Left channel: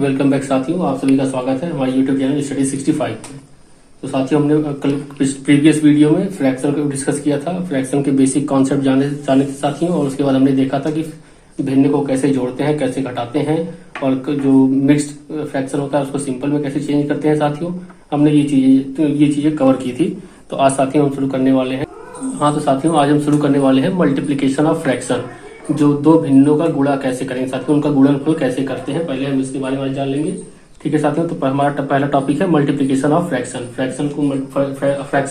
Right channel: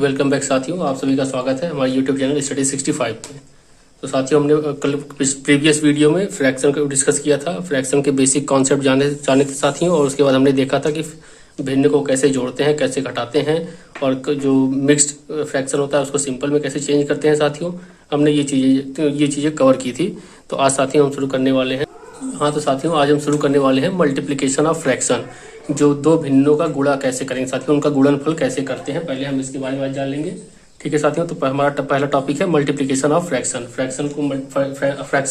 Welcome back साथियों, आप सभी का स्वागत है हमारे यूट्यूब चैनल स्टडी 65 पे। तो साथियों, हमने कल प्रीवियस वीडियो में फ्रैक्शन को डिस्कस किया था। फ्रैक्शन के बेसिक कॉन्सेप्ट जाने थे साथियों, और उसके बाद हमने देखा था कि भिन्न को कैसे जोड़ते हैं, कैसे घटाते हैं, और जो मिक्स्ड फ्रैक्शन होता है उसको सिंपल में कैसे चेंज करते हैं। साथियों, हमने ये चीज़ें कवर की थी। तो आज साथियों हम शुरू करने वाले हैं। हाँ, तो साथियों आज हम शुरू करने वाले हैं मल्टीप्लिकेशन ऑफ फ्रैक्शन। जो दो भिन्नों का गुणा कैसे करेंगे साथियों, उनका गुणनफल कैसे करते हैं, पहले हम इसके बारे में जान लेंगे। ठीक है साथियों, तो हमारा पहला टॉपिक है मल्टीप्लिकेशन ऑफ फ्रैक्शन। फ्रैक्शन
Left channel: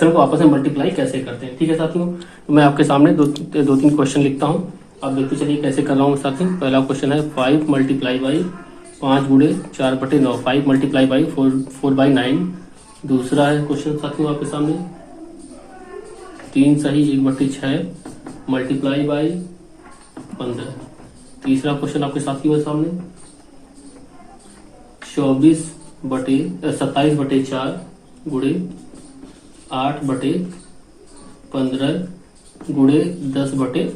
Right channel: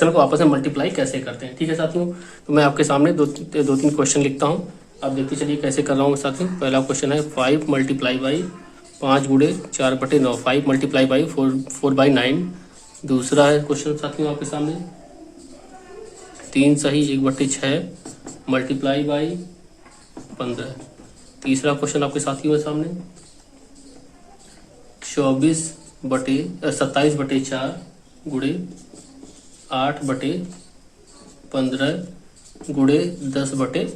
को आपस में मल्टीप्लाई कैसे करते हैं। ठीक है साथियों, तो मैं आपके सामने दो तीन क्वेश्चन लिखता हूँ, आप देखते चलिए कैसे कर रहा हूँ साथियों। पहला क्वेश्चन है 5 मल्टीप्लाई बाई 5 गुणे 4/9, 5 मल्टीप्लाई बाई 4/9। दूसरा है क्वेश्चन साथियों आपके सामने 3 सही 1/6 मल्टीप्लाई बाई 15। तीसरा क्वेश्चन आपके साथियों के सामने 27/4 गुणे 8/15 गुणे 10/3।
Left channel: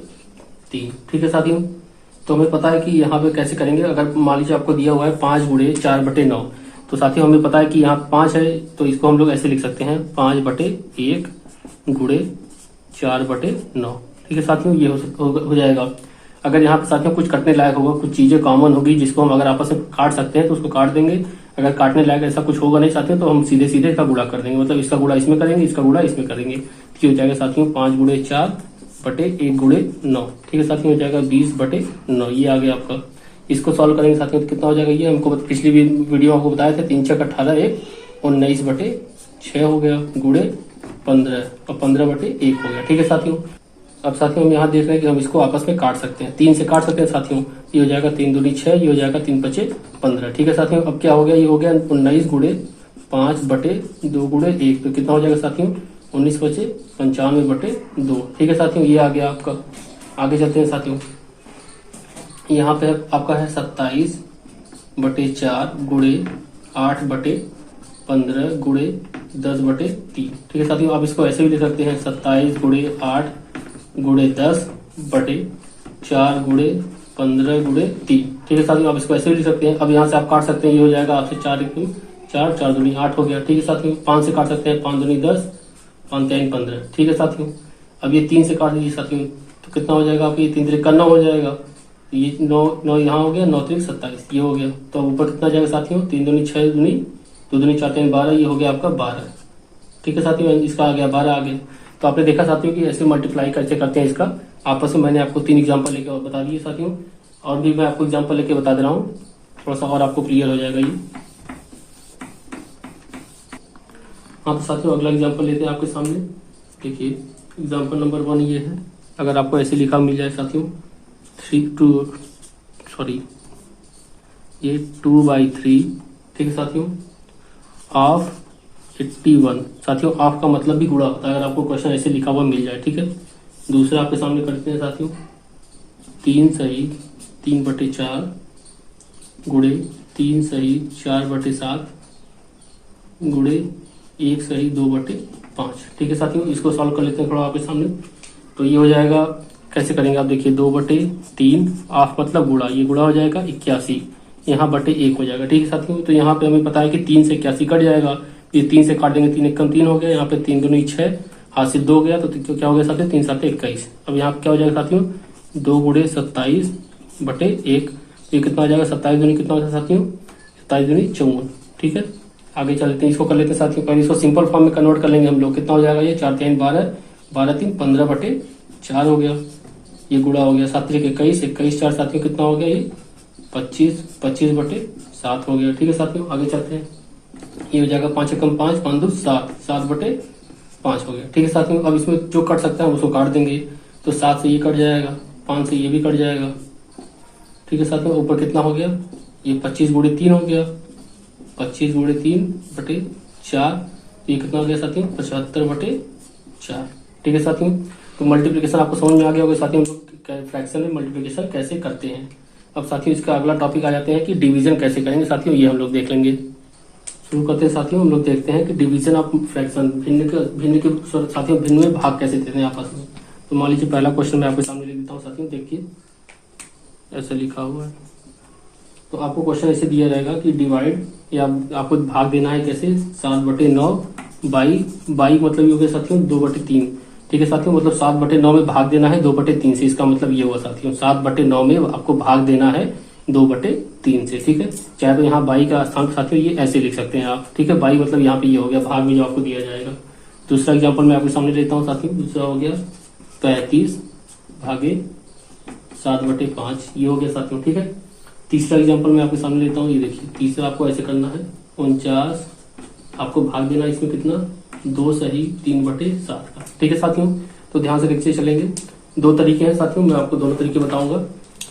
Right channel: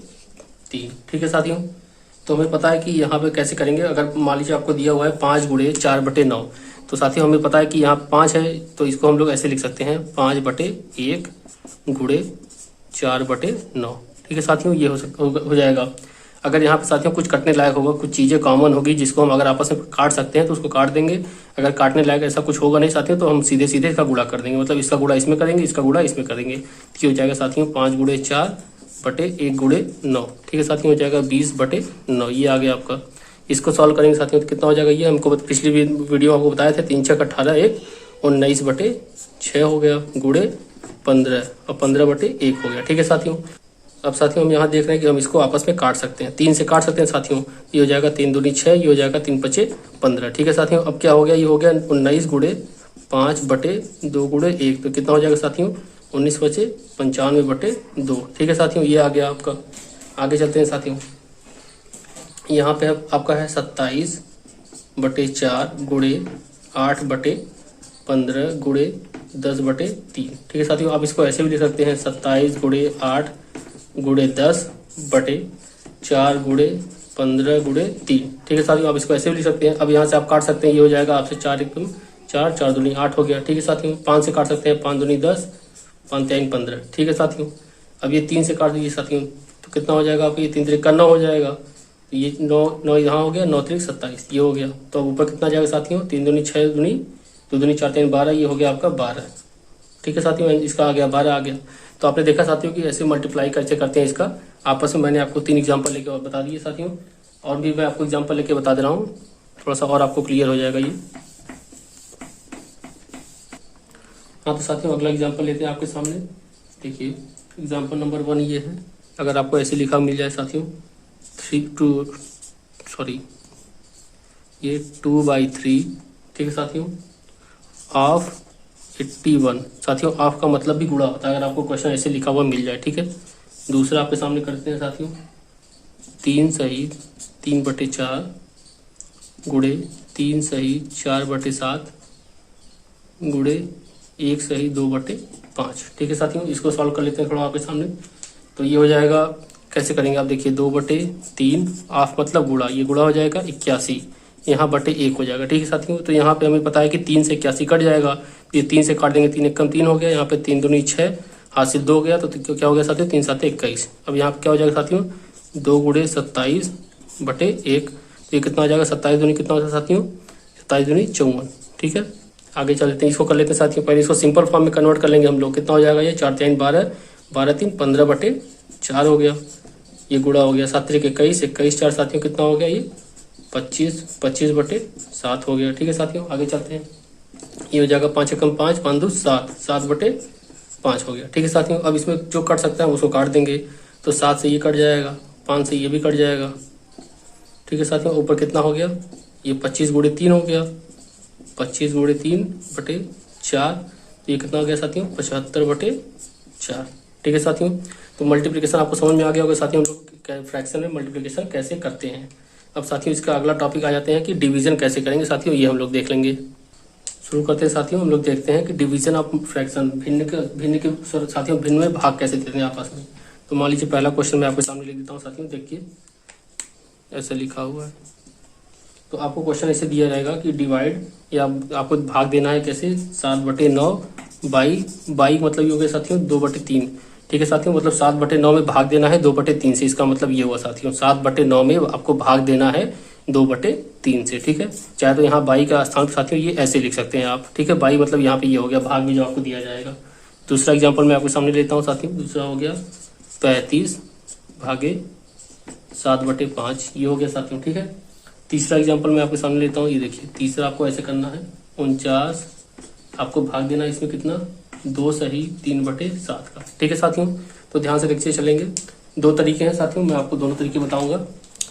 ठीक है साथियों, तो हमें पता है कि यहाँ पे कैसे करेंगे। अगर मान लीजिए आपको दिया हुआ है 5 गुणे 4/9, तो साथियों हमें पता है कि यहाँ 5 है, तो इसको हम लोग ऐसे लिख सकते हैं 5/1 गुणे 4/9। ठीक है साथियों, ये हो जाएगा। अगर यहाँ पे साथियों कुछ कटने लायक होगा, कुछ चीजें कॉमन होगी जिसको हम अगर आपस में काट सकते हैं तो उसको काट देंगे। अगर काटने लायक ऐसा कुछ होगा नहीं साथियों, तो हम सीधे सीधे इसका गुणा कर देंगे। मतलब इसका गुणा इसमें करेंगे, इसका गुणा इसमें करेंगे। तो हो जाएगा साथियों 5 गुणे 4/1 गुणे 9। ठीक है साथियों, हो जाएगा 20/9। ये आ गया आपका। इसको सॉल्व करेंगे साथियों तो कितना हो जाएगा। ये हमको पिछली वीडियो आपको बताया था 3 × 6 = 18, 19/6 हो गया गुणे 15 और 15/1 हो गया। ठीक है साथियों, अब साथियों हम यहाँ देख रहे हैं कि हम इसको आपस में काट सकते हैं, 3 से काट सकते हैं साथियों। ये हो जाएगा 3 दूनी 6, ये हो जाएगा 3 × 5 = 15। ठीक है साथियों, अब क्या हो गया, ये हो गया 19 गुणे 5/2 गुणे 1। तो कितना हो जाएगा साथियों 19 × 5 = 95/2। ठीक है साथियों, ये आ गया आपका। आगे चलते हैं साथियों, यहाँ पे आपका है 27/4 गुणे 8/15 गुणे 10/3। ठीक है साथियों, आप इसको ऐसे भी लिख सकते हैं 27 गुणे 8 गुणे 10/4 गुणे 15 गुणे 3। ठीक है साथियों, आप इसको ऐसे भी लिख सकते हैं। अब यहाँ से आप काट सकते हैं, ये हो जाएगा आपसे 4 दूनी 8 हो गया। ठीक है साथियों, 5 से काट सकते हैं, 5 दूनी 10, 5 3 15। ठीक है साथियों, अब ये 3 से काट दीजिए साथियों, तो कितना हो जाएगा आपको, ये 3 3 9 हो जाएगा। ये 9 यहाँ हो गया, 9 3 27, ये हो गया। तो ऊपर कितना जाएगा साथियों 3 दूनी 6 दूनी 2 दूनी 4 3 12, ये हो गया आपका 12। ठीक है साथियों, इसका आ गया 12 आ गया। तो आपने देखा साथियों कि ऐसे मल्टीप्लाई कैसे करते हैं इसका आपस में। मैंने आपको 3 एग्जांपल लेके और बता दिए साथियों, और भी मैं आपको एग्जांपल लेके बता दे रहा हूँ, थोड़ा सा और आपको क्लियर हो जाएगा ये। हाँ, तो साथियों अगला एग्जांपल लेते हैं आपके सामने। देखिए एग्जांपल नंबर 1 ये है। अगर आपको ऐसे लिखा मिल जाए साथियों 2/3। ठीक है साथियों, ऑफ 81। साथियों ऑफ का मतलब भी गुणा होता है, अगर आपको क्वेश्चन ऐसे लिखा हुआ मिल जाए। ठीक है, दूसरा आपके सामने करते हैं साथियों 3 सही 3/4 गुणे 3 सही 4/7 गुणे 1 सही 2/5। ठीक है साथियों, इसको सॉल्व कर लेते हैं थोड़ा आपके सामने। तो ये हो जाएगा, कैसे करेंगे आप देखिए 2/3 ऑफ मतलब गुणा, ये गुणा हो जाएगा 81, यहाँ /1 हो जाएगा। ठीक है साथियों, तो यहाँ पे हमें पता है कि 3 से 81 कट जाएगा, ये 3 से काट देंगे, 3 1 3 हो गया। यहाँ पे 3 दूनी 6, हाथ से 2 गया, तो क्या हो गया साथियों 3 7 21। अब यहाँ पे क्या हो जाएगा साथियों 2 गुणे 27/1। ये कितना हो जाएगा 27 दूनी कितना हो जाएगा साथियों 27 दूनी 54। ठीक है, आगे चलते हैं, इसको कर लेते हैं साथियों। पहले इसको सिंपल फॉर्म में कन्वर्ट कर लेंगे हम लोग। कितना हो जाएगा ये 4 3 12, 12 3 15/4 हो गया। ये गुणा हो गया 7 3 21, 21 4 साथियों कितना हो गया ये 25, 25/7 हो गया। ठीक है साथियों, आगे चलते हैं। ये हो जाएगा 5 1 5, 5 2 7, 7/5 हो गया। ठीक है साथियों, अब इसमें जो कट सकता है उसको काट देंगे। तो 7 से ये कट जाएगा, 5 से ये भी कट जाएगा। ठीक है साथियों, ऊपर कितना हो गया ये 25 गुणे 3 हो गया, 25 गुणे 3/4। ये कितना हो गया साथियों 75/4। ठीक है साथियों, तो मल्टीप्लिकेशन आपको समझ में आ गया होगा साथियों, फ्रैक्शन में मल्टीप्लिकेशन कैसे करते हैं। अब साथियों इसका अगला टॉपिक आ जाते हैं कि डिवीजन कैसे करेंगे साथियों, ये हम लोग देख लेंगे। शुरू करते हैं साथियों, हम लोग देखते हैं कि डिवीजन ऑफ फ्रैक्शन, भिन्न के साथियों भिन्न में भाग कैसे देते हैं आपस में। तो मान लीजिए पहला क्वेश्चन मैं आपके सामने लिख देता हूँ साथियों, देखिए ऐसा लिखा हुआ है तो आपको क्वेश्चन ऐसे दिया जाएगा कि डिवाइड, या आपको भाग देना है कैसे, 7/9 बाई मतलब ये हो गया साथियों 2/3। ठीक है साथियों, मतलब 7/9 में भाग देना है 2/3 से। इसका मतलब ये हुआ साथियों 7/9 में आपको भाग देना है 2/3 से। ठीक है, चाहे तो यहाँ बाई का स्थान साथियों ये ऐसे लिख सकते हैं आप। ठीक है, बाई मतलब यहाँ पे ये हो गया भाग में जो आपको दिया जाएगा। दूसरा एग्जाम्पल मैं आपके सामने लेता हूँ साथियों। दूसरा हो गया 35 भागे 7/5, ये हो गया साथियों। ठीक है, तीसरा एग्जाम्पल मैं आपके सामने लेता हूँ। ये देखिए, तीसरा आपको ऐसे करना है 49, आपको भाग देना है इसमें कितना, 2 सही 3/7 का। ठीक है साथियों, तो ध्यान से देखते चलेंगे। दो तरीके हैं साथियों, मैं आपको दोनों तरीके बताऊंगा।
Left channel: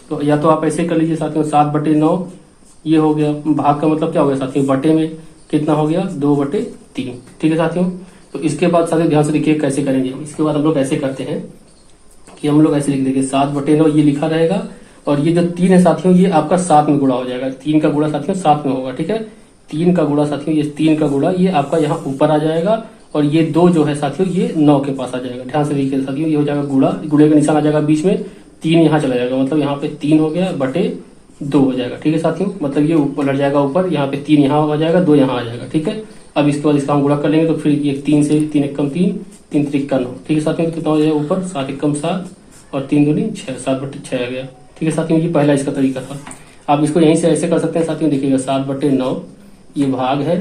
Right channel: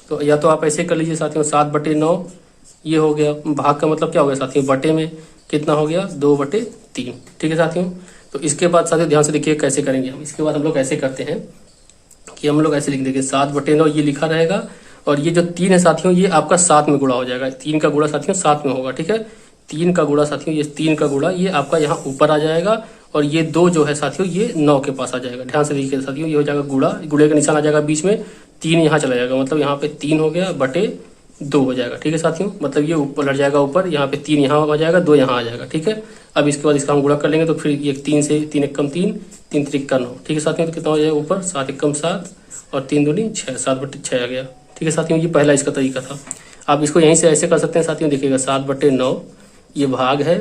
तो या तो आप ऐसे कर लीजिए साथियों, 7/9 ये हो गया, भाग का मतलब क्या हो गया साथियों, बटे में कितना हो गया 2/3। ठीक है साथियों, तो इसके बाद साथियों ध्यान से देखिए कैसे करेंगे हम। इसके बाद हम लोग ऐसे करते हैं कि हम लोग ऐसे लिख देंगे 7/9 ये लिखा रहेगा, और ये जो 3 है साथियों ये आपका 7 में गुणा हो जाएगा। 3 का गुणा साथियों 7 में होगा। ठीक है, 3 का गुणा साथियों, ये 3 का गुणा ये आपका यहाँ ऊपर आ जाएगा, और ये 2 जो है साथियों ये 9 के पास आ जाएगा। ध्यान से देखिए साथियों, ये हो जाएगा गुणा, गुणे का निशान आ जाएगा बीच में, 3 यहाँ चला जाएगा, मतलब यहाँ पे 3 हो गया बटे 2 हो जाएगा। ठीक है साथियों, मतलब ये ऊपर लड़ जाएगा ऊपर, यहाँ पे 3 यहाँ हो जाएगा, 2 यहाँ आ जाएगा। ठीक है, अब इसके बाद इसका हम गुणा कर लेंगे, तो फिर ये 3 से 3 एकम 3, 3 त्रिक 9। ठीक है साथियों, तो कितना हो जाएगा ऊपर 7 एकम 7 और 3 दूनी 6, 7/6 आ गया। ठीक है साथियों, ये पहला इसका तरीका था। आप इसको यहीं से ऐसे कर सकते हैं साथियों, देखिएगा 7/9 ये भाग है,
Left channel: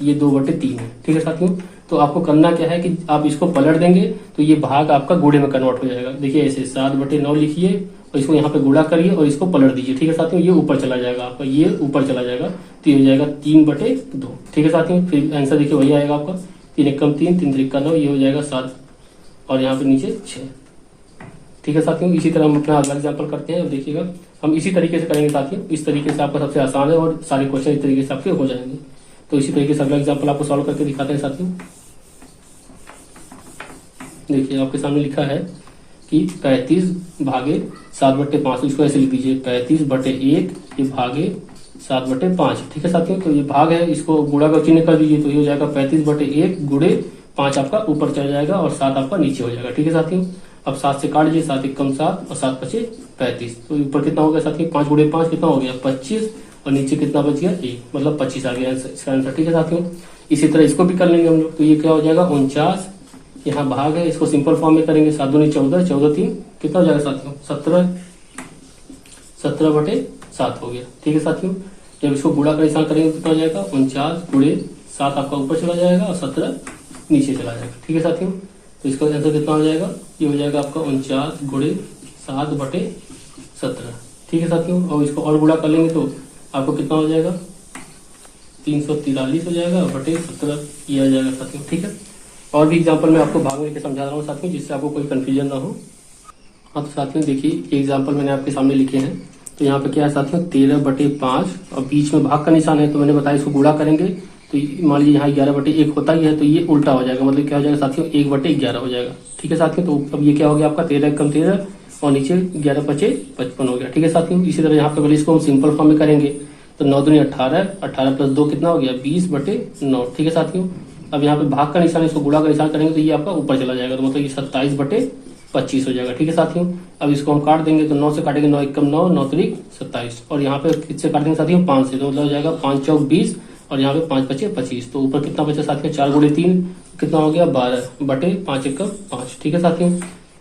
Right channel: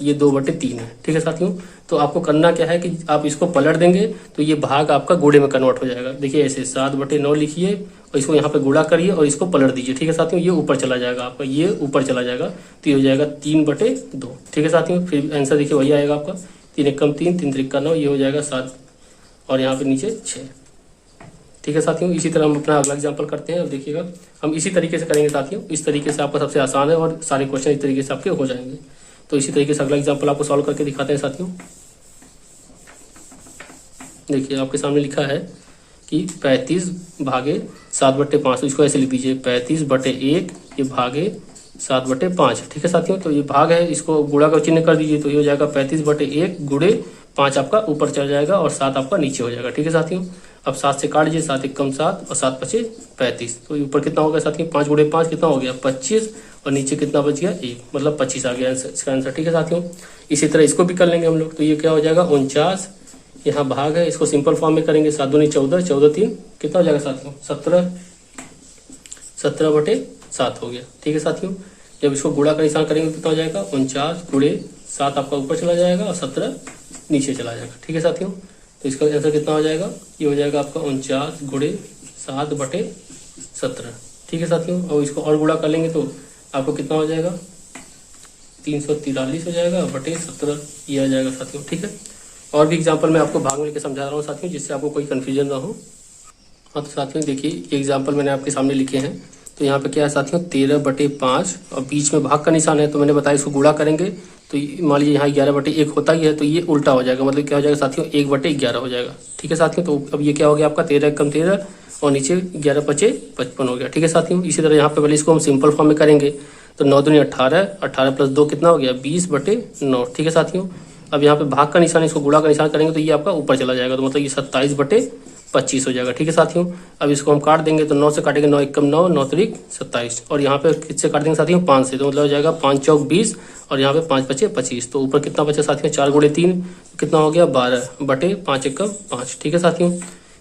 ये 2/3 है। ठीक है साथियों, तो आपको करना क्या है कि आप इसको पलट देंगे तो ये भाग आपका गुणे में कन्वर्ट हो जाएगा। देखिए ऐसे 7/9 लिखिए और इसको यहाँ पे गुणा करिए और इसको पलट दीजिए। ठीक है साथियों, ये ऊपर चला जाएगा आपका, ये ऊपर चला जाएगा, तो ये हो जाएगा 3/2। ठीक है साथियों, फिर आंसर देखिए वही आएगा आपका, 3 एकम 3, 3 त्रिक 9, ये हो जाएगा 7 और यहाँ पे नीचे 6। ठीक है साथियों, इसी तरह हम अपना अगला एग्जाम्पल करते हैं। अब देखिएगा हम इसी तरीके से करेंगे साथियों, इस तरीके से आपका सबसे आसान है और सारे क्वेश्चन इस तरीके से आपके हो जाएंगे। तो इसी तरीके से अगला एग्जाम्पल आपको सॉल्व करके दिखाते हैं साथियों। देखिए आपके सामने लिखा है कि 35 भागे 7/5, इसको ऐसे लिख दीजिए 35/1 ये भागे 7/5। ठीक है साथियों, तो ये भाग है, इसको गुणा का चिन्ह कर दीजिए, तो ये हो जाएगा 35/1 गुणे 5 आपका ऊपर चला जाएगा और 7 आपका नीचे हो जाएगा। ठीक है साथियों, अब 7 से काट लीजिए, 7 एकम 7 और 7×5 35, तो ऊपर कितना हो गया साथियों, 5 गुणे 5 कितना हो गया 25, और नीचे कितना बच गया 1, मतलब 25 आ गया इसका आंसर। ठीक है साथियों, इसी तरह इसको भी कर लेंगे हम लोग, तो ये क्या हो जाएगा 49, यहाँ भाग है, इसको सिंपल फॉर्म में करेंगे, 7 दूनी 14, 14 3 कितना हो जाएगा साथियों 17, 17/7 हो गया। ठीक है साथियों, जब इसको गुणा का निशान करेंगे कितना हो जाएगा 49 गुणे 7 आपका ऊपर चला जाएगा और 17 नीचे चला जाएगा। ठीक है साथियों, तो इसका आंसर कितना हो जाएगा, ये हो जाएगा आपका 49 गुणे 7/17। ठीक है साथियों, और इसको और गुणा कर लेंगे तो आपको कितना हो जाएगा 343 हो जाएगा बटे 17, ये आ जाएगा साथियों। ठीक है, और भी एग्जाम्पल मैं आपको भाग में समझा रहा हूँ साथियों, जिससे आपको कोई कंफ्यूजन ना हो। हाँ तो साथियों देखिए एग्जाम्पल मैंने आपके सामने लिखे हैं, तो यहाँ पे क्या है साथियों 13/5 और बीच में भाग का निशान है, तो मैंने बताया इसको गुणा करेंगे तो मान लीजिए यहाँ 11/1 होता ही है, तो ये उल्टा हो जाएगा, मतलब क्या हो जाएगा साथियों 1/11 हो जाएगा। ठीक है साथियों, तो अब ये क्या हो गया आपका 13 एकम 13 और नीचे 11×5 55 हो गया। ठीक है साथियों, इसी तरह यहाँ पे पहले इसको हम सिंपल फॉर्म में करेंगे, तो 9 दूनी 18, 18 + 2 कितना हो गया 20/9। ठीक है साथियों, अब यहाँ पे भाग का निशान, इसको गुणा का निशान करेंगे तो ये आपका ऊपर चला जाएगा, तो मतलब ये 27/25 हो जाएगा। ठीक है साथियों, अब इसको हम काट देंगे, तो 9 से काटेंगे 9 एकम 9, 9 त्रिक 27, और यहाँ पे किससे काट देंगे साथियों 5 से, तो मतलब हो जाएगा 5 चौक 20 और यहाँ पे 5×5 25, तो ऊपर कितना बचा साथियों 4 गुणे 3 कितना हो गया 12/5 एकम 5। ठीक है साथियों,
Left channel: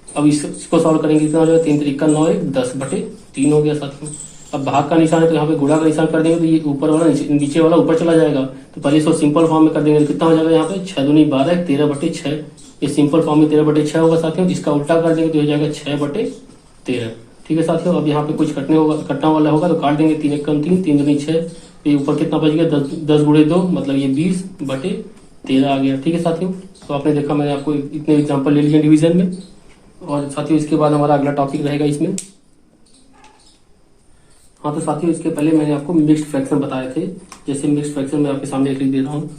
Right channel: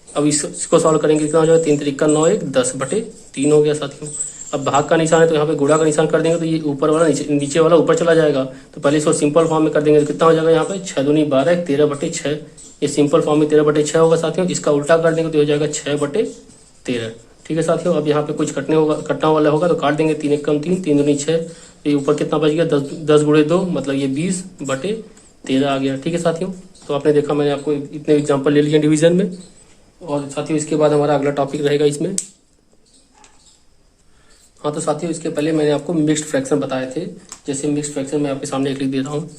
अब इसको सॉल्व करेंगे कितना हो जाएगा 3 त्रिक 9 1 10/3 हो गया साथियों। अब भाग का निशान है तो यहाँ पे गुणा का निशान कर देंगे, तो ये ऊपर वाला नीचे वाला ऊपर चला जाएगा, तो पहले इसको सिंपल फॉर्म में कर देंगे, तो कितना हो जाएगा यहाँ पे 6 दूनी 12 13/6, ये सिंपल फॉर्म में 13/6 होगा साथियों। इसका उल्टा कर देंगे तो हो जाएगा 6/13। ठीक है साथियों, अब यहाँ पे कुछ कटने वाला होगा तो काट देंगे, 3 एकम 3, 3 दूनी 6, ये ऊपर कितना बच गया 10 गुणे 2, मतलब ये 20/13 आ गया। ठीक है साथियों, तो आपने देखा मैंने आपको इतने एग्जाम्पल ले लिए डिवीजन में, और साथियों इसके बाद हमारा अगला टॉपिक रहेगा इसमें। हाँ तो साथियों इसके पहले मैंने आपको मिक्स्ड फ्रैक्शन बताए थे, जैसे मिक्स्ड फ्रैक्शन मैं आपके सामने एक लिख दे रहा हूँ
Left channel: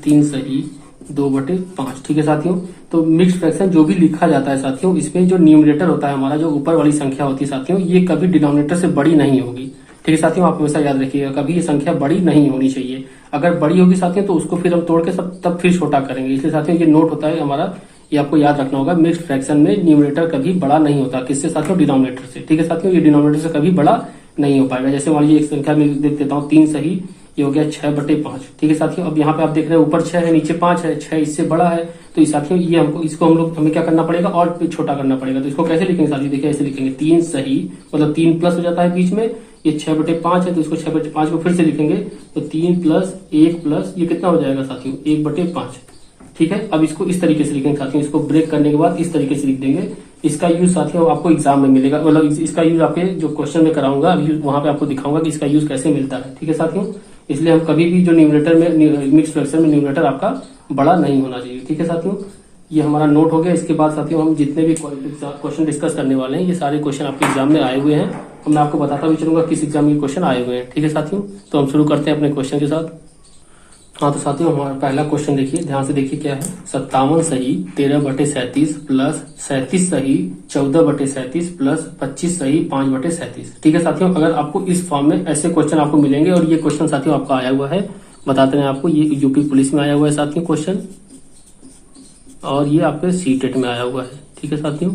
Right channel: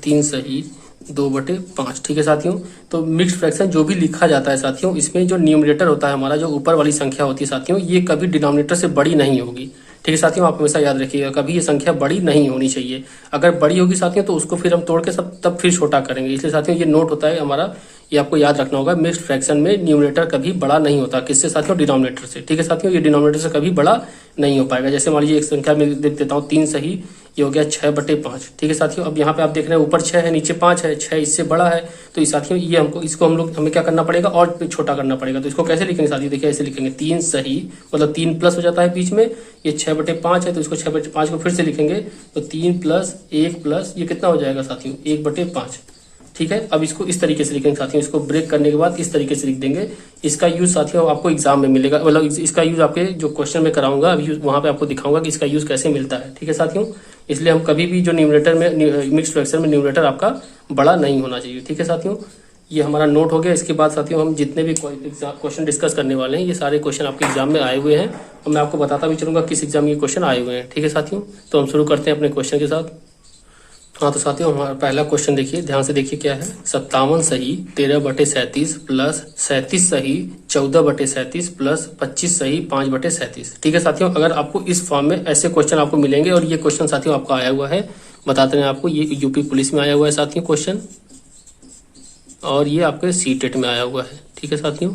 3 सही 2/5। ठीक है साथियों, तो मिक्स्ड फ्रैक्शन जो भी लिखा जाता है साथियों, इसमें जो न्यूमरेटर होता है हमारा, जो ऊपर वाली संख्या होती है साथियों, ये कभी डिनोमिनेटर से बड़ी नहीं होगी। ठीक है साथियों, आप हमेशा याद रखिएगा कभी ये संख्या बड़ी नहीं होनी चाहिए, अगर बड़ी होगी साथियों तो उसको फिर हम तोड़ के सब तब फिर छोटा करेंगे, इसलिए साथियों ये नोट होता है हमारा, ये आपको याद रखना होगा। मिक्स्ड फ्रैक्शन में न्यूमरेटर कभी बड़ा नहीं होता, किससे साथियों डिनोमिनेटर से। ठीक है साथियों, ये डिनोमिनेटर से कभी बड़ा नहीं हो पाएगा। जैसे मान लीजिए एक संख्या में देख देता हूँ 3 सही, ये हो गया 6/5। ठीक है साथियों, अब यहाँ पे आप देख रहे हैं ऊपर 6 है नीचे 5 है, 6 इससे बड़ा है, तो इस साथियों ये हमको इसको हमें क्या करना पड़ेगा और छोटा करना पड़ेगा। तो इसको कैसे लिखेंगे साथियों, देखिए ऐसे लिखेंगे 3 सही मतलब 3 प्लस हो जाता है बीच में, ये 6/5 है तो इसको 6/5 को फिर से लिखेंगे तो 3 प्लस 1 प्लस ये कितना हो जाएगा साथियों 1/5। ठीक है, अब इसको इस तरीके से लिखेंगे साथियों, इसको ब्रेक करने के बाद इस तरीके से लिख देंगे। इसका यूज साथियों आपको एग्जाम में मिलेगा, मतलब इसका यूज आपके जो क्वेश्चन में कराऊंगा अभी वहां पे आपको दिखाऊंगा कि इसका यूज कैसे मिलता है। ठीक है साथियों, इसलिए हम कभी भी जो न्यूमरेटर में मिक्स फ्रैक्शन में न्यूमरेटर आपका बड़ा नहीं होना चाहिए। ठीक है साथियों, ये हमारा नोट हो गया। इसके बाद साथियों हम जितने भी क्वेश्चन डिस्कस करने वाले हैं ये सारे क्वेश्चन आपके एग्जाम में आए हुए हैं, और मैं आपको बताता भी चलूंगा किस एग्जाम में ये क्वेश्चन आए हुए हैं। ठीक है साथियों, तो हम शुरू करते हैं अपने क्वेश्चन के साथ। हाँ तो साथियों हमारा पहला क्वेश्चन देखिए, ध्यान से देखिए क्या है। 57 सही 13/37 प्लस 37 सही 14/37 प्लस 25 सही 5/37। ठीक है साथियों, अगर आपको इस फॉर्म में ऐसे क्वेश्चन आपको मिलेंगे, और ये क्वेश्चन साथियों आपका आया हुआ है, बताते हैं आपको, ये यूपी पुलिस में आया हुआ है साथियों क्वेश्चन, और ये आपके सीटेट में आया हुआ है। ठीक है साथियों,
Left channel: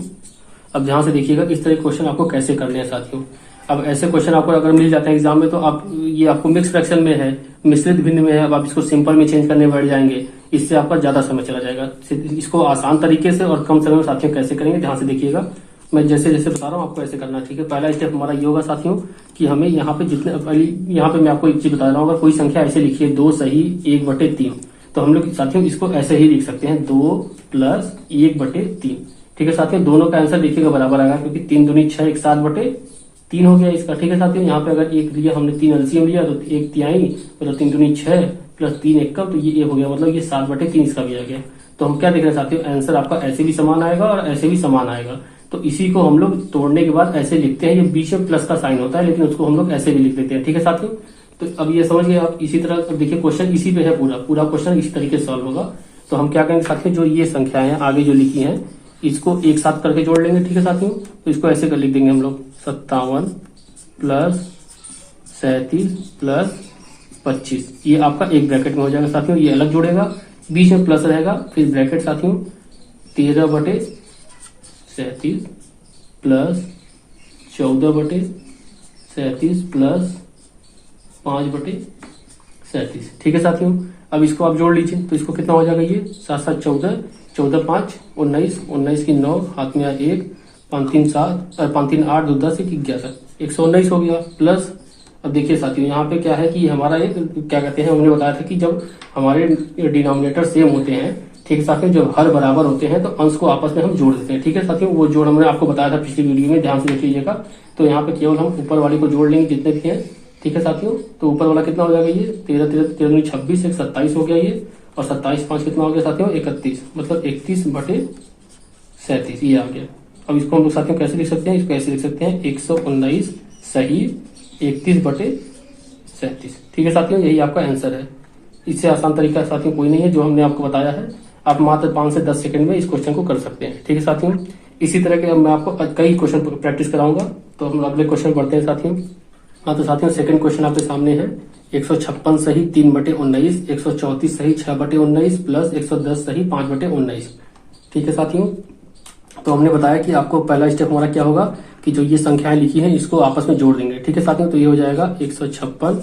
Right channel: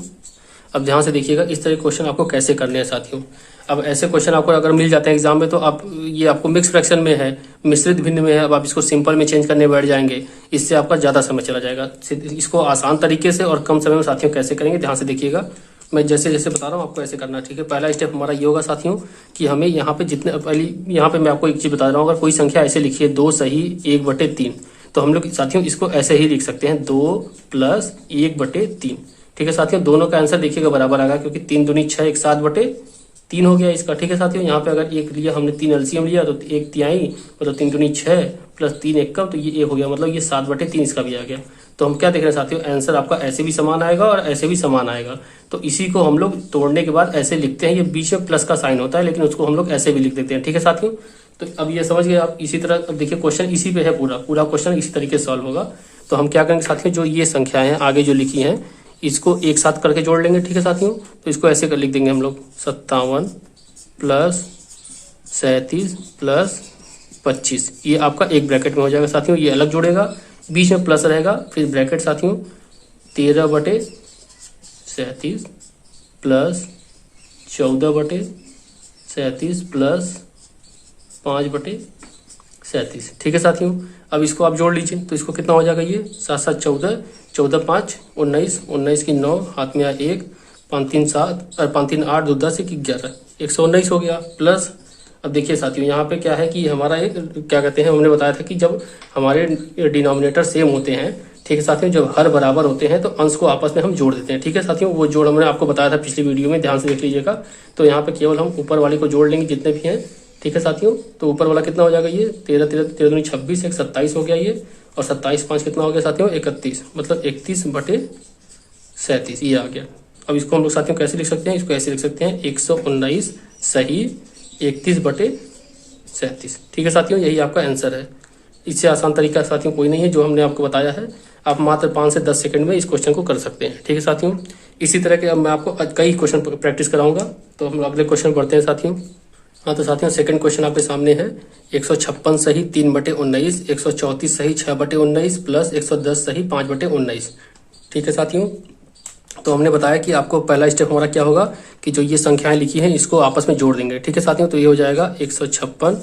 अब ध्यान से देखिएगा इस तरह क्वेश्चन आपको कैसे करने हैं साथियों। अब ऐसे क्वेश्चन आपको अगर मिल जाते हैं एग्जाम में, तो आप ये आपको मिक्स फ्रैक्शन में है, मिश्रित भिन्न में है, अब आप इसको सिंपल में चेंज करने बैठ जाएंगे, इससे आपका ज्यादा समय चला जाएगा। इसको आसान तरीके से और कम समय में साथियों कैसे करेंगे, ध्यान से देखिएगा। मैं जैसे जैसे बता रहा हूँ आपको ऐसे करना। ठीक है, पहला स्टेप हमारा ये होगा साथियों कि हमें यहाँ पे जितने पहले यहाँ पे मैं आपको एक चीज बता रहा हूँ, अगर कोई संख्या ऐसे लिखी है 2 सही 1/3, तो हम लोग साथियों इसको ऐसे ही लिख सकते हैं 2 प्लस 1/3। ठीक है साथियों, दोनों का आंसर देखिएगा बराबर आएगा, क्योंकि 3 दूनी 6 एक 7/3 हो गया इसका। ठीक है साथियों, यहाँ पे अगर एक लिया हमने 3 एलसीएम लिया तो 1/3 मतलब 3 दूनी 6 प्लस 3 1 का, तो ये हो गया, मतलब ये 7/3 इसका भी आ गया। तो हम क्या देख रहे हैं साथियों, आंसर आपका ऐसे भी समान आएगा और ऐसे भी समान आएगा। तो इसी को हम लोग तोड़ने के बाद ऐसे लिखते हैं, ये बीच में प्लस का साइन होता है, लेकिन उसको हम लोग ऐसे भी लिख देते हैं। ठीक है साथियों, तो अब ये समझ गए आप। इसी तरह अब देखिए क्वेश्चन इसी पे है, पूरा क्वेश्चन इसी तरीके से सॉल्व होगा। तो हम क्या करेंगे साथियों, जो ये संख्याएं हैं आगे जो लिखी हैं इसको एक साथ करके जोड़ लेंगे। ठीक है साथियों, तो इसको ऐसे कर लिख देंगे हम लोग 57 प्लस 37 प्लस 25, ये आपका एक ब्रैकेट में हो जाएगा साथियों, ये अलग जोड़ेगा, बीच में प्लस रहेगा, फिर ब्रैकेट साथियों 13/37 प्लस 14/37 प्लस 5/37। ठीक है साथियों, अब इसको आप जोड़ लीजिए, तो इसको कितना हो जाएगा, ये 7 7 14, 14 5 19, 19 की 9, हाथ में 1, 5 3 7 और 5 3 8, 2 10 1 11, 119 हो गया। प्लस अब देखिए साथियों यहाँ पे क्या है कि हमारा ये क्या कहते हैं, हमने बताया था कि जब हमारे डिनोमिनेटर सेम होते हैं, ठीक है साथियों, जब हर बराबर होते हैं तो अंश को आपस में हम जोड़ देते हैं। ठीक है साथियों, वो जोड़ हमने आपको बताया था पिछली वीडियो में, ध्यान से देख लीजिएगा। तो यहाँ पे केवल हम ऊपर वाले को जोड़ लेंगे जितने भी हैं। ठीक है साथियों, तो ऊपर वाला कितना हो जाएगा, ये 13 13 13 दूनी 26, 1 27 हो गया ये, और 27 5 कितना हो गया साथियों 31, मतलब 31/37 ये आ गया। अब इसको हम लोग साथियों कैसे लिख सकते हैं, इसको ऐसे लिख सकते हैं 119 सही 31/37। ठीक है साथियों, यही आपका आंसर है। इससे आसान तरीका साथियों कोई नहीं है जो हमने आपको बताया है। आप मात्र 5 से 10 सेकंड में इस क्वेश्चन को कर सकते हैं। ठीक है साथियों, इसी तरह के अब मैं आपको कई क्वेश्चन प्रैक्टिस कराऊंगा। तो हम अगले क्वेश्चन पढ़ते हैं साथियों। हाँ तो साथियों सेकंड क्वेश्चन आपके सामने है, 156 सही 3/19, 134 सही 6/19 प्लस 110 सही 5/19। ठीक है साथियों, तो हमने बताया कि आपको पहला स्टेप हमारा क्या होगा कि जो ये संख्याएं लिखी हैं इसको आपस में जोड़ देंगे। ठीक है साथियों, तो ये हो जाएगा 156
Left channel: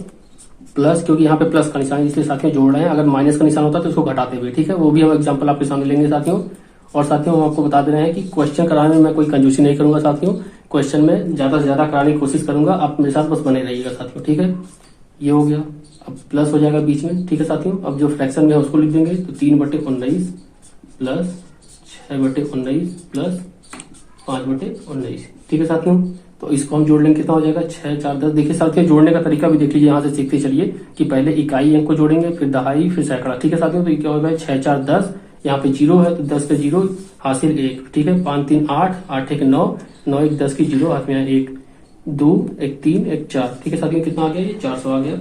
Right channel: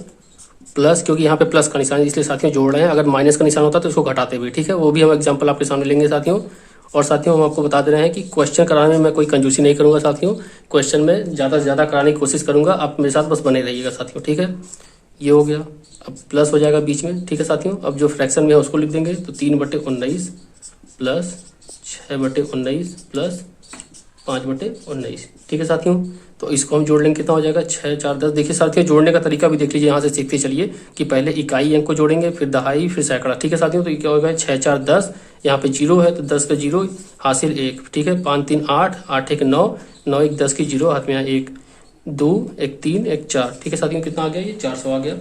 प्लस, क्योंकि यहाँ पे प्लस का निशान है इसलिए साथियों जोड़ रहे हैं, अगर माइनस का निशान होता तो इसको घटाते हुए। ठीक है, वो भी हम एग्जांपल आपके सामने लेंगे साथियों। और साथियों हम आपको बता दे रहे हैं कि क्वेश्चन कराने में मैं कोई कंजूसी नहीं करूंगा साथियों, क्वेश्चन में ज्यादा से ज्यादा कराने की कोशिश करूंगा, आप मेरे साथ बस बने रहिएगा साथियों। ठीक है, ये हो गया, अब प्लस हो जाएगा बीच में। ठीक है साथियों, अब जो फ्रैक्शन में है उसको लिख देंगे, तो 3/19 प्लस 6/19 प्लस 5/19। ठीक है साथियों, तो इसको हम जोड़ लेंगे, कितना हो जाएगा 6 4 10। देखिए साथियों जोड़ने का तरीका भी देख लीजिए, यहाँ से सीखते चलिए कि पहले इकाई अंक को जोड़ेंगे, फिर दहाई, फिर सैकड़ा। ठीक है साथियों, तो ये क्या होगा 6 4 10, यहाँ पे 0 है तो 10 का 0 हासिल 1। ठीक है, 5 3 8, 8 1 9, 9 1 10 की 0, हाथ में 1 2 1 3 1 4। ठीक है साथियों, कितना आ गया, ये 400 आ गया।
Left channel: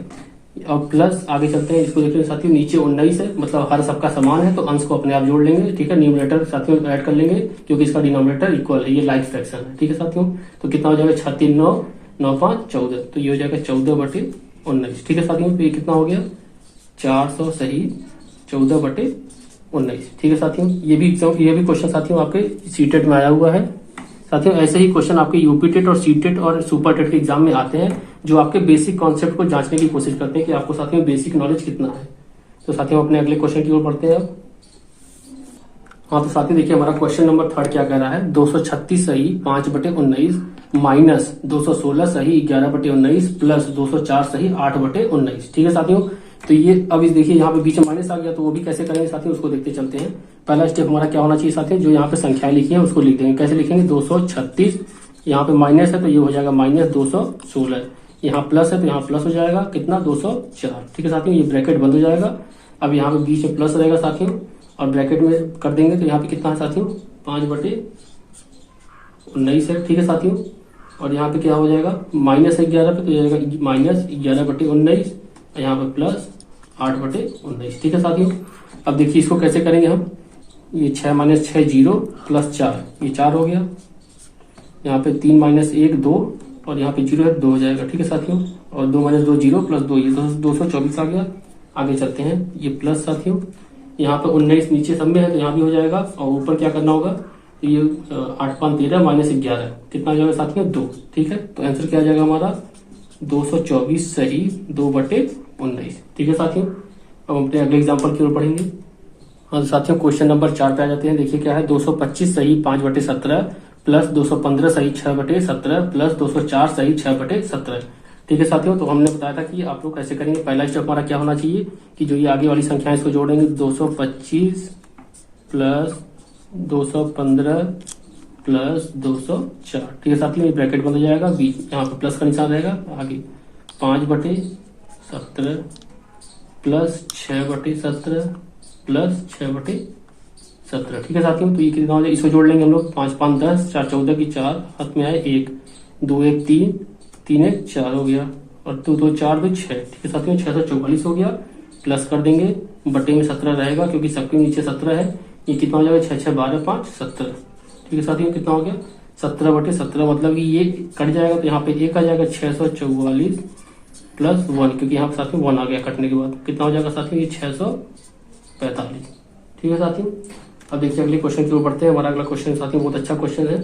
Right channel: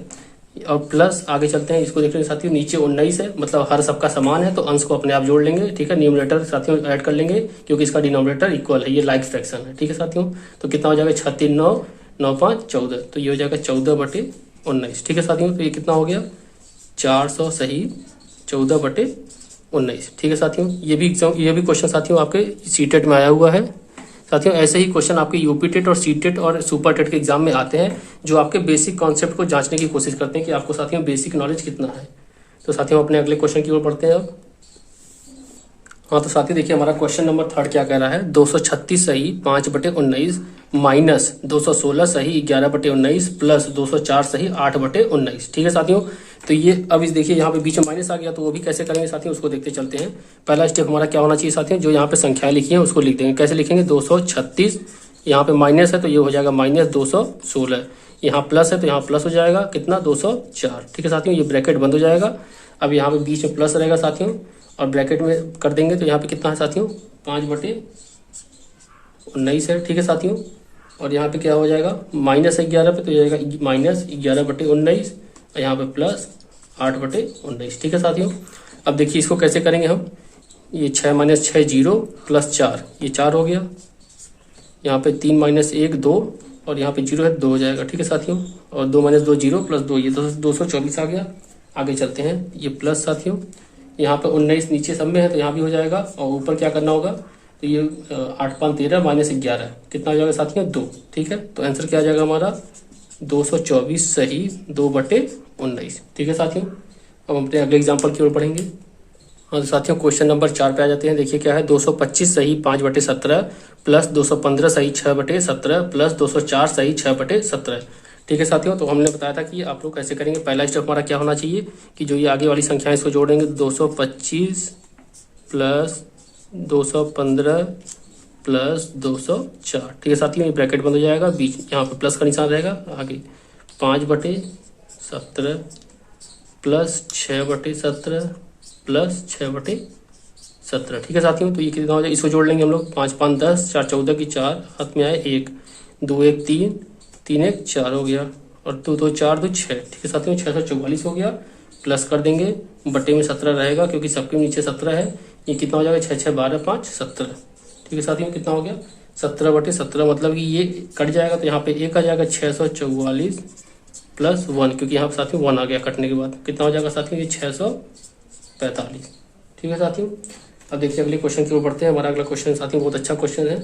अब प्लस आगे चलते हैं, इसको देख रहे हैं साथियों, नीचे 19 है, मतलब हर सबका समान है तो अंश को अपने आप जोड़ लेंगे। ठीक है, न्यूमरेटर साथियों ऐड कर लेंगे क्योंकि इसका डिनोमिनेटर इक्वल है, ये लाइक फ्रैक्शन है। ठीक है साथियों, तो कितना हो जाएगा 6 3 9 9 5 14, तो ये हो जाएगा 14/19। ठीक है साथियों, तो ये कितना हो गया 400 सही 14/19। ठीक है साथियों, ये भी क्वेश्चन साथियों आपके सीटेट में आया हुआ है साथियों ऐसे ही क्वेश्चन आपके यूपी टेट और सी टेट और सुपर टेट के एग्जाम में आते हैं, जो आपके बेसिक कॉन्सेप्ट को जांचने की कोशिश करते हैं कि आपको साथियों बेसिक नॉलेज कितना है। तो साथियों अपने अगले क्वेश्चन की ओर बढ़ते हैं अब। हाँ तो साथियों देखिए हमारा क्वेश्चन नंबर 3 क्या कह रहा है, 236 सही 5/19 माइनस 216 सही 11/19 प्लस 204 सही 8/19। ठीक है साथियों, तो ये अब इस देखिए यहाँ पे बीच में माइनस आ गया, तो वो भी कैसे करेंगे साथियों उसको देखते चलते हैं। पहला स्टेप हमारा क्या होना चाहिए साथियों, जो यहाँ पे संख्याएं लिखी है उसको लिख देंगे। कैसे लिखेंगे, 236 यहाँ पे माइनस है तो ये हो जाएगा माइनस 216, यहाँ प्लस है तो यहाँ प्लस हो जाएगा कितना 204। ठीक है साथियों, ये ब्रैकेट बंद हो जाएगा। अब यहाँ पे बीच में प्लस रहेगा साथियों और ब्रैकेट में कर देंगे तो यहाँ पे कितना है साथियों 5/19 है। ठीक है साथियों, और यहाँ पे क्या हो जाएगा माइनस 11 पे तो जाएगा माइनस 11/19 और यहाँ पे प्लस 8/19। ठीक है साथियों, अब देखिए इसको कैसे करेंगे हम, ये 6 - 6 0 प्लस 4 ये 4 हो गया, यहाँ पे 3 - 1 2 और यहाँ पे 0 है 2 हो जाएगा। ठीक है साथियों, और 2 - 2 0 प्लस 2 ये 224 आ गया। आगे चलते हैं, ये प्लस साथियों यहाँ पे 19 नीचे सब में है तो यहाँ भी हो जाएगा, और ऊपर क्या करना होगा तो ये 8 5 13 माइनस 11 कितना हो जाएगा साथियों 2। ठीक है, तो आंसर क्या आ जाएगा हमारा 224 सही 2/19। ठीक है साथियों, अब हम अपने अगले एग्जाम्पल की ओर बढ़ेंगे। हाँ तो साथियों क्वेश्चन नंबर 4 पे आ जाते हैं। देखिए क्या है, 225 सही 5/17 प्लस 215 सही 6/17 प्लस 204 सही 6/17। ठीक है साथियों, तो हमने बताया था कि आप लोग कैसे करेंगे। पहला स्टेप हमारा क्या होना चाहिए कि जो ये आगे वाली संख्या है इसको जोड़ेंगे, 225 प्लस 215 प्लस 204। ठीक है साथियों, ये ब्रैकेट बंद हो जाएगा, बीच यहाँ पे प्लस का निशान रहेगा। आगे 5/17 प्लस 6/17 प्लस 6/17। ठीक है साथियों, तो ये कितना हो जाएगा, इसको जोड़ लेंगे हम लोग, 5 5 10 4 14 की 4 हाथ में आए 1 2 1 3 3 1 4 हो गया, और 2 2 4 2 6। ठीक है साथियों, 644 हो गया। प्लस कर देंगे, बटे में 17 रहेगा क्योंकि सबके नीचे 17 है। ये कितना हो जाएगा 6 6 12 5 17। ठीक है साथियों, कितना हो गया 17/17, मतलब कि ये कट जाएगा तो यहाँ पे 1 आ जाएगा 644 प्लस 1, क्योंकि यहाँ पे साथियों 1 आ गया कटने के बाद, कितना हो जाएगा साथियों ये 645। ठीक है साथियों, अब देखिए अगले क्वेश्चन की ओर बढ़ते हैं। हमारा अगला क्वेश्चन साथियों बहुत अच्छा क्वेश्चन है।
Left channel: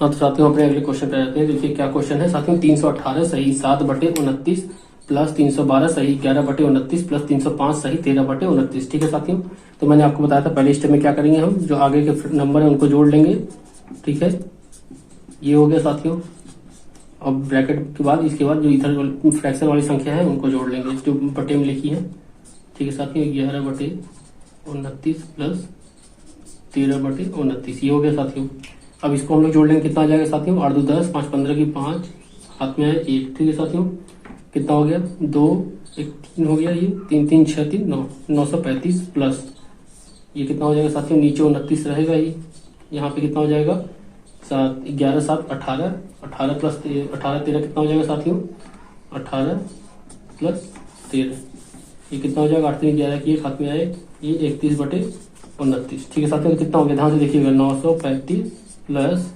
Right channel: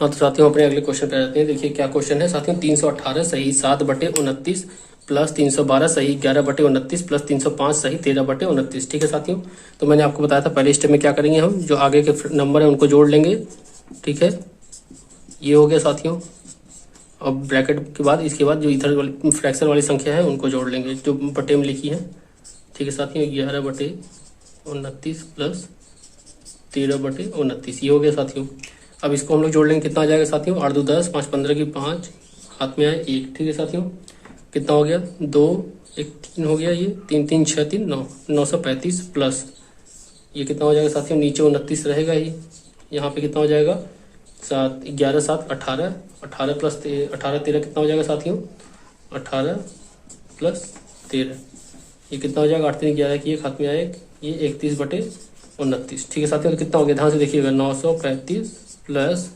हाँ तो साथियों अपने अगले क्वेश्चन पे जाते हैं। देखिए क्या क्वेश्चन है साथियों, 318 सही 7/29 प्लस 312 सही 11/29 प्लस 305 सही 13/29। ठीक है साथियों, तो मैंने आपको बताया था पहले स्टेप में क्या करेंगे, हम जो आगे के नंबर है उनको जोड़ लेंगे। ठीक है, ये हो गया साथियों। अब ब्रैकेट के बाद इसके बाद जो इधर वाली फ्रैक्शन वाली संख्या है उनको जोड़ लेंगे जो बटे में लिखी है। ठीक है साथियों, 11/29 प्लस 13/29 ये हो गया साथियों। अब इसको हम लोग जोड़ लेंगे, कितना आ जाएगा साथियों 8 2 10 5 15 की 5 हाथ में आए 1। ठीक है साथियों, कितना हो गया 2 1 3 हो गया, ये 3 3 6 3 9 935 प्लस ये कितना हो जाएगा साथियों नीचे 29 रहेगा ही, यहाँ पे कितना हो जाएगा 7 11 7 18 18 प्लस 18 13 कितना हो जाएगा साथियों 18 प्लस 13 ये कितना हो जाएगा 8 3 11 की 1 हाथ में आए ये 31/29। ठीक है साथियों, तो कितना हो गया ध्यान से देखिएगा 935 प्लस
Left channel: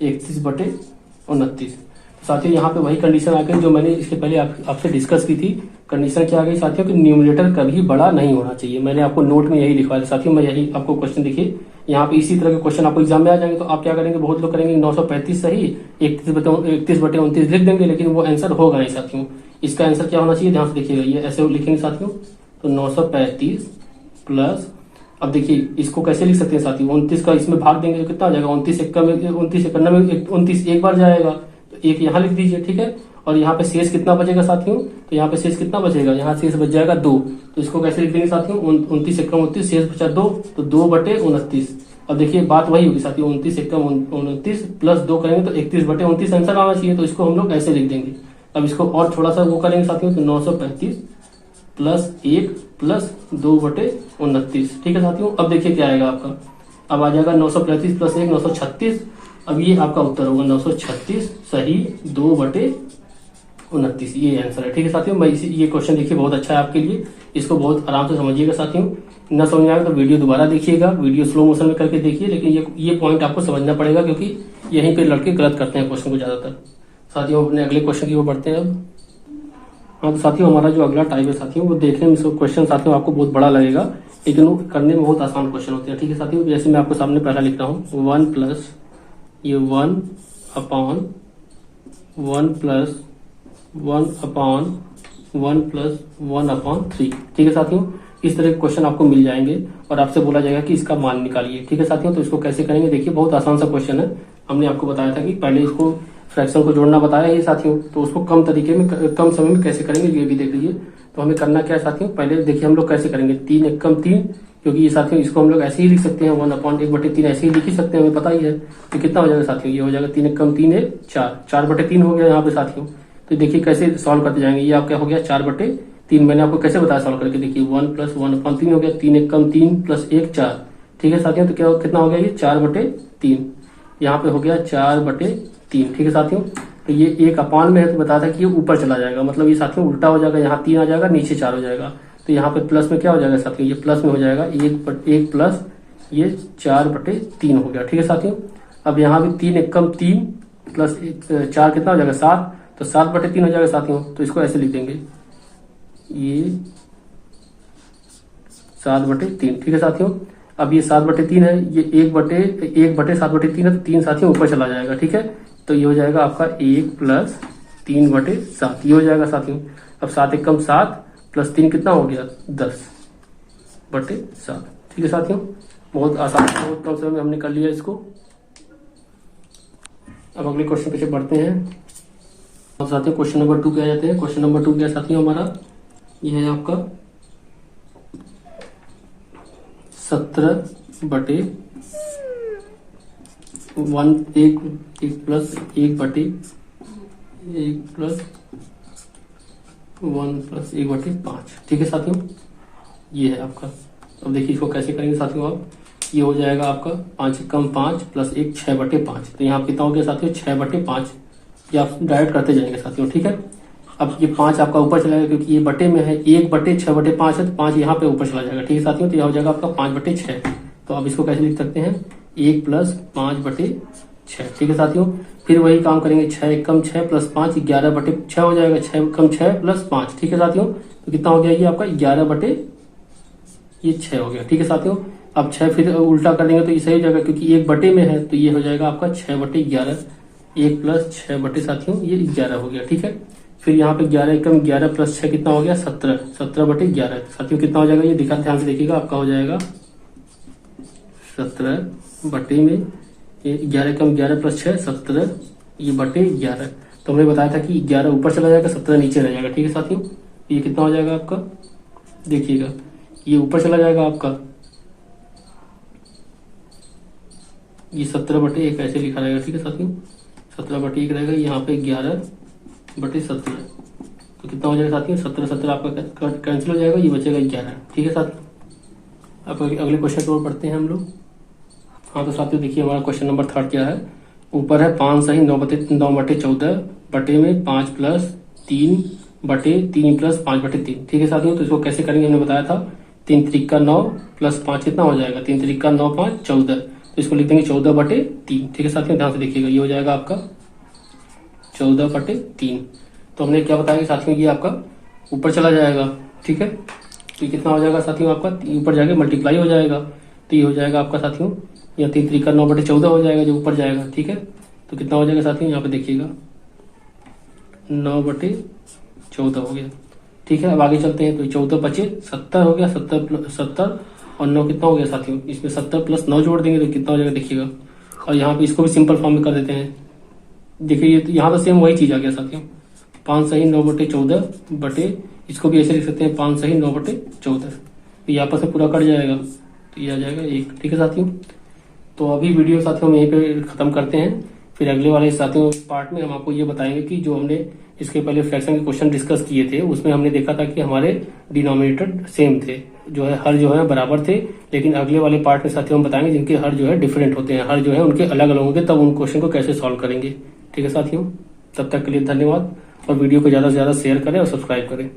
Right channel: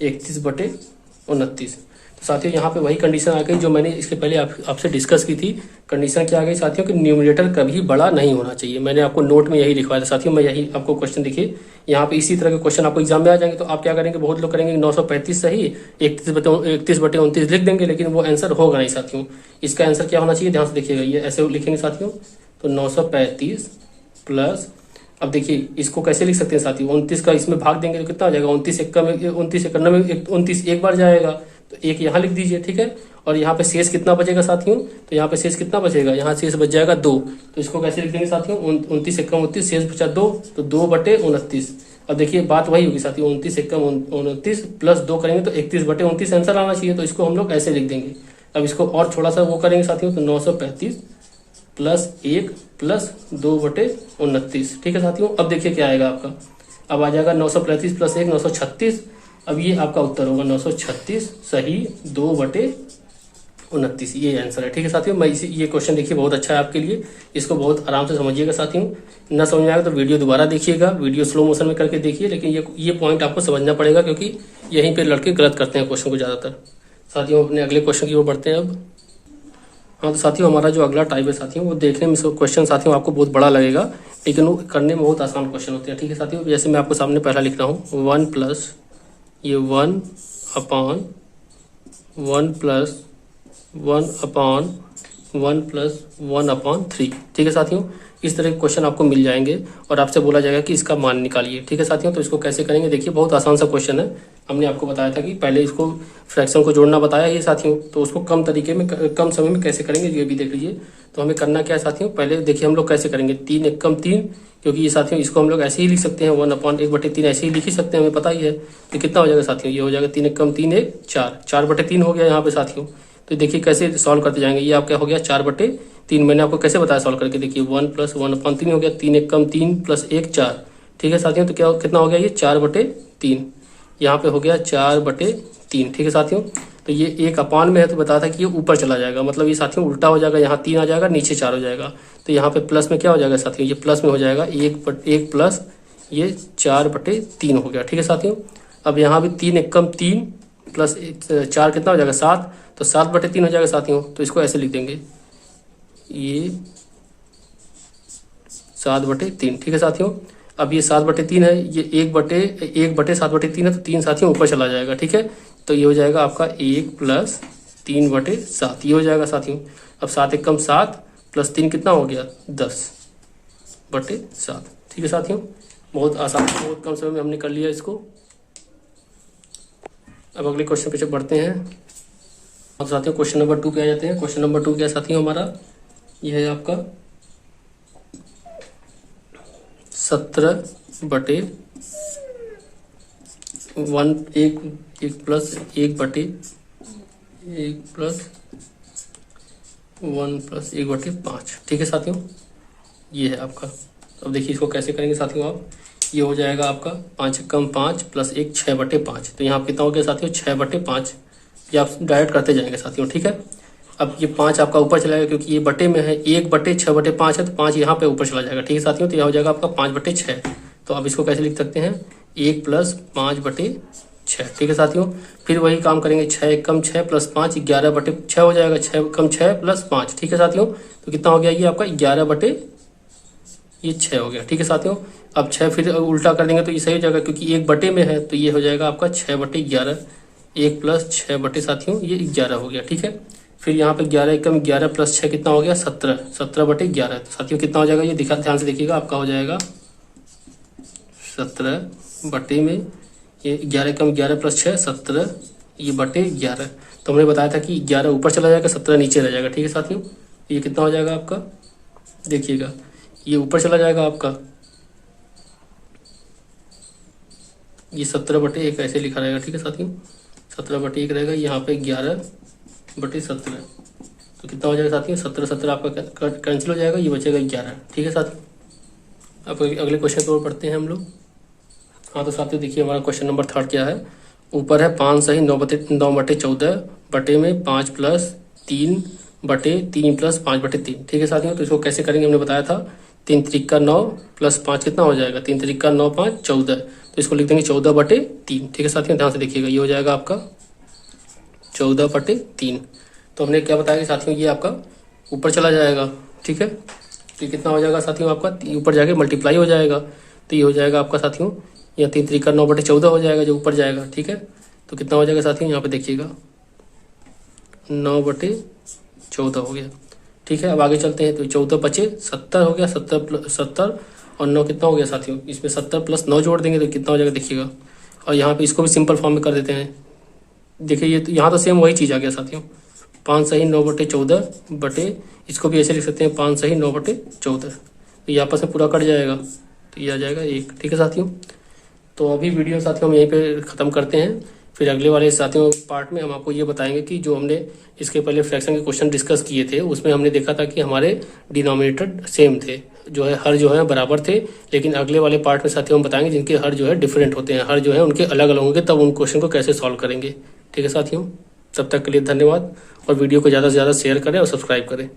31/29। तो साथियों यहाँ पे वही कंडीशन आ गई जो मैंने इसके पहले आपसे डिस्कस की थी। कंडीशन क्या आ गई साथियों कि न्यूमरेटर कभी बड़ा नहीं होना चाहिए। मैंने आपको नोट में यही लिखवाया था साथियों, मैं यही आपको क्वेश्चन देखिए यहाँ पे इसी तरह के क्वेश्चन आपको एग्जाम में आ जाएंगे। तो आप क्या करेंगे, बहुत लोग करेंगे 935 सही 31/29 लिख देंगे, लेकिन वो आंसर होगा नहीं साथियों। इसका आंसर क्या होना चाहिए ध्यान से देखिएगा, ये ऐसे लिखेंगे साथियों, तो 935 प्लस, अब देखिए इसको कैसे लिख सकते हैं साथियों, 29 का इसमें भाग देंगे तो कितना आ जाएगा 29 1 में 29 1 में 29 एक बार जाएगा तो 1 यहाँ लिख दीजिए। ठीक है, और यहाँ पे शेष कितना बचेगा साथियों, तो यहाँ पे शेष कितना बचेगा, यहाँ शेष बच जाएगा 2। तो इसको कैसे लिख देंगे साथियों 29 1 29 शेष बचा 2 तो 2/29। अब देखिए बात वही होगी साथियों 29 1 29 प्लस 2 करेंगे तो 31/29 आंसर आना चाहिए, तो इसको हम लोग ऐसे लिख देंगे। अब इसको और थोड़ा सा वो करेंगे साथियों, तो 935 प्लस 1 प्लस 2/29। ठीक है साथियों, अब देखिए क्या आएगा आपका, अब आ जाएगा 935 प्लस 1 936। अब ये आपका उत्तर होगा 936 सही 2/29, ये आंसर है। ठीक है साथियों, मैं ये क्वेश्चन देखिए बहुत अच्छा है आपके लिए, इसको बहुत आराम से समझिएगा साथियों। न समझ में आएगा तो वीडियो दोबारा देखिएगा, वीडियो स्लो मोशन में करके देखिए, लेकिन ये पॉइंट आपको समझना पड़ेगा क्योंकि यहीं पे लड़के गलत करते हैं क्वेश्चन को ज्यादातर। साथियों अपने अगले क्वेश्चन की ओर बढ़ते हैं अब। हाँ तो साथियों हमारा जो अगला टाइप है साथियों वो देखने में क्वेश्चन साथियों आपको बहुत बड़ा लगेगा, लेकिन वो करने में बहुत आसान क्वेश्चन होते हैं। ठीक है साथियों, जैसे मैं आपको सामने पहला लिख रहा हूँ 1 प्लस ये 1 upon 1 plus 1 upon 1 plus 1 upon 3। ठीक है साथियों, इस तरह के क्वेश्चन आपको मिल जाएंगे और आपसे बोला जाएगा कि इसका मान निकालिए। ठीक है साथियों, तो इसको कैसे करेंगे, देखिए बहुत आसान सा क्वेश्चन है। हमने आपको बताया था कि पहले इसको फ्रैक्शन को जोड़ना बताया ये साथियों, तो उसको कम तरीके में कम समय में कैसे करेंगे ये भी देख लीजिए। तो हमें करना क्या है साथियों, पहले देखिए हम लोग कैसे करेंगे 3 एकम 3, क्योंकि ये साथियों इसको हम लोग ऐसे ही लिख सकते हैं 1/1/3 ऐसे ही लिख ही सकते हैं, हमें पता ही है। तो कितना हो जाएगा साथियों, ये हो जाएगा 3 एकम 3 1 4, 4/3 हो गया यहाँ पे साथियों। तो देखिए कैसे सॉल्व करते जाएंगे, ये आपका हो गया 4/3। मैंने आपको कैसे बताया सॉल्व करके, देखिए 1 प्लस 1/3 हो गया, 3 एकम 3 प्लस 1 4। ठीक है साथियों, तो क्या कितना हो गया ये 4/3, यहाँ पे हो गया 4/3। ठीक है साथियों, तो ये एक अपान में है तो बताया था कि ये ऊपर चला जाएगा, मतलब ये साथियों उल्टा हो जाएगा, यहाँ 3 आ जाएगा नीचे 4 हो जाएगा। तो यहाँ पे प्लस में क्या हो जाएगा साथियों, ये प्लस में हो जाएगा 1 प्लस ये 4/3 हो गया। ठीक है साथियों, अब यहाँ भी 3 एकम 3 प्लस 4 कितना हो जाएगा 7, तो 7/3 हो जाएगा साथियों। तो इसको ऐसे लिख देंगे ये 7/3। ठीक है साथियों, अब ये 7/3 है, ये 1/7/3 है, तो 3 साथियों ऊपर चला जाएगा। ठीक है, तो ये हो जाएगा आपका 1 प्लस 3/7, ये हो जाएगा साथियों। अब 7 एकम 7 प्लस 3 कितना हो गया 10/7। ठीक है साथियों, बहुत आसान, बहुत कम समय में हमने कर लिया इसको। अब अगले क्वेश्चन पे बढ़ते हैं। अब साथियों क्वेश्चन नंबर 2 क्या जाते हैं, क्वेश्चन नंबर 2 क्या साथियों हमारा, यह है आपका 17/1 प्लस 1/1+1/5। ठीक है साथियों, ये है आपका। अब देखिए इसको कैसे करेंगे साथियों आप, ये हो जाएगा आपका 5 एकम 5 प्लस 1 6/5। तो यहाँ कितना हो गया साथियों 6/5, ये आप डायरेक्ट करते जाएंगे साथियों। ठीक है, अब ये 5 आपका ऊपर चला जाएगा क्योंकि ये बटे में है, 1/6/5 है, तो 5 यहाँ पे ऊपर चला जाएगा। ठीक है साथियों, तो यह हो जाएगा आपका 5/6। तो अब इसको कैसे लिख सकते हैं 1 प्लस 5/6। ठीक है साथियों, फिर वही काम करेंगे 6 एकम 6 प्लस 5 11/6 हो जाएगा, 6 एकम 6 प्लस 5। ठीक है साथियों, तो कितना हो गया ये आपका 11/6 हो गया। ठीक है साथियों, अब 6 फिर उल्टा कर देंगे तो ये सही हो जाएगा, क्योंकि 1 बटे में है, तो ये हो जाएगा आपका 6/11। 1 प्लस 6 साथियों ये 11 हो गया। ठीक है, फिर यहाँ पे 11 एकम 11 प्लस 6 कितना हो गया 17, 17/11। तो साथियों कितना हो जाएगा ये दिखा, ध्यान से देखिएगा, आपका हो जाएगा 17 बटे में ये 11 एकम 11 प्लस 6 17, ये बटे 11। तो हमने बताया था कि 11 ऊपर चला जाएगा 17 नीचे रह जाएगा। ठीक है साथियों, ये कितना हो जाएगा आपका, देखिएगा ये ऊपर चला जाएगा आपका, ये 17/1 ऐसे लिखा रहेगा। ठीक है साथियों, 17/1 रहेगा, यहाँ पे 11/17। तो कितना हो जाएगा साथियों 17 आपका कैंसिल हो जाएगा, ये बचेगा 11। ठीक है साथियों, अब अगले क्वेश्चन को पढ़ते हैं हम लोग। हाँ तो साथियों देखिए हमारा क्वेश्चन नंबर 3 क्या है, ऊपर है 5 सही 9/14 बटे में 5 प्लस 3/3 प्लस 5/3। ठीक है साथियों, तो इसको कैसे करेंगे हमने बताया था, 3 त्रिक का 9 प्लस 5 कितना हो जाएगा, 3 त्रिक का 9 5 14। तो इसको लिख देंगे 14/3। ठीक है साथियों, ध्यान से देखिएगा, ये हो जाएगा आपका 14/3। तो हमने क्या बताया साथियों, ये आपका ऊपर चला जाएगा। ठीक है, तो कितना हो जाएगा साथियों आपका ऊपर जाके मल्टीप्लाई हो जाएगा, तो ये हो जाएगा आपका साथियों, या 3 त्रिक का 9/14 हो जाएगा जो ऊपर जाएगा। ठीक है, तो कितना हो जाएगा साथियों, यहाँ पे देखिएगा 9/14 हो गया। ठीक है, अब आगे चलते हैं, तो 14 बचे 70 हो गया, 70 और 9 कितना हो गया साथियों, इसमें 70 प्लस 9 जोड़ देंगे तो कितना हो जाएगा देखिएगा। और यहाँ पे इसको भी सिंपल फॉर्म में कर देते हैं, देखिए ये यहाँ तो सेम वही चीज़ आ गया साथियों, 5 सही 9/14 बटे, इसको भी ऐसे लिख सकते हैं 5 सही 9/14। तो ये आपस में पूरा कट जाएगा, तो ये आ जाएगा 1। ठीक है साथियों, तो अभी वीडियो साथियों हम यहीं पे ख़त्म करते हैं। फिर अगले वाले साथियों पार्ट में हम आपको ये बताएंगे कि जो हमने इसके पहले फ्रैक्शन के क्वेश्चन डिस्कस किए थे उसमें हमने देखा था कि हमारे डिनोमिनेटर सेम थे, जो है हर जो है बराबर थे, लेकिन अगले वाले पार्ट में साथियों हम बताएंगे जिनके हर जो है डिफरेंट होते हैं, हर जो है उनके अलग अलग होंगे, तब उन क्वेश्चन को कैसे सॉल्व करेंगे। ठीक है साथियों, तब तक के लिए धन्यवाद, और वीडियो को ज़्यादा से ज़्यादा शेयर करें और सब्सक्राइब करें।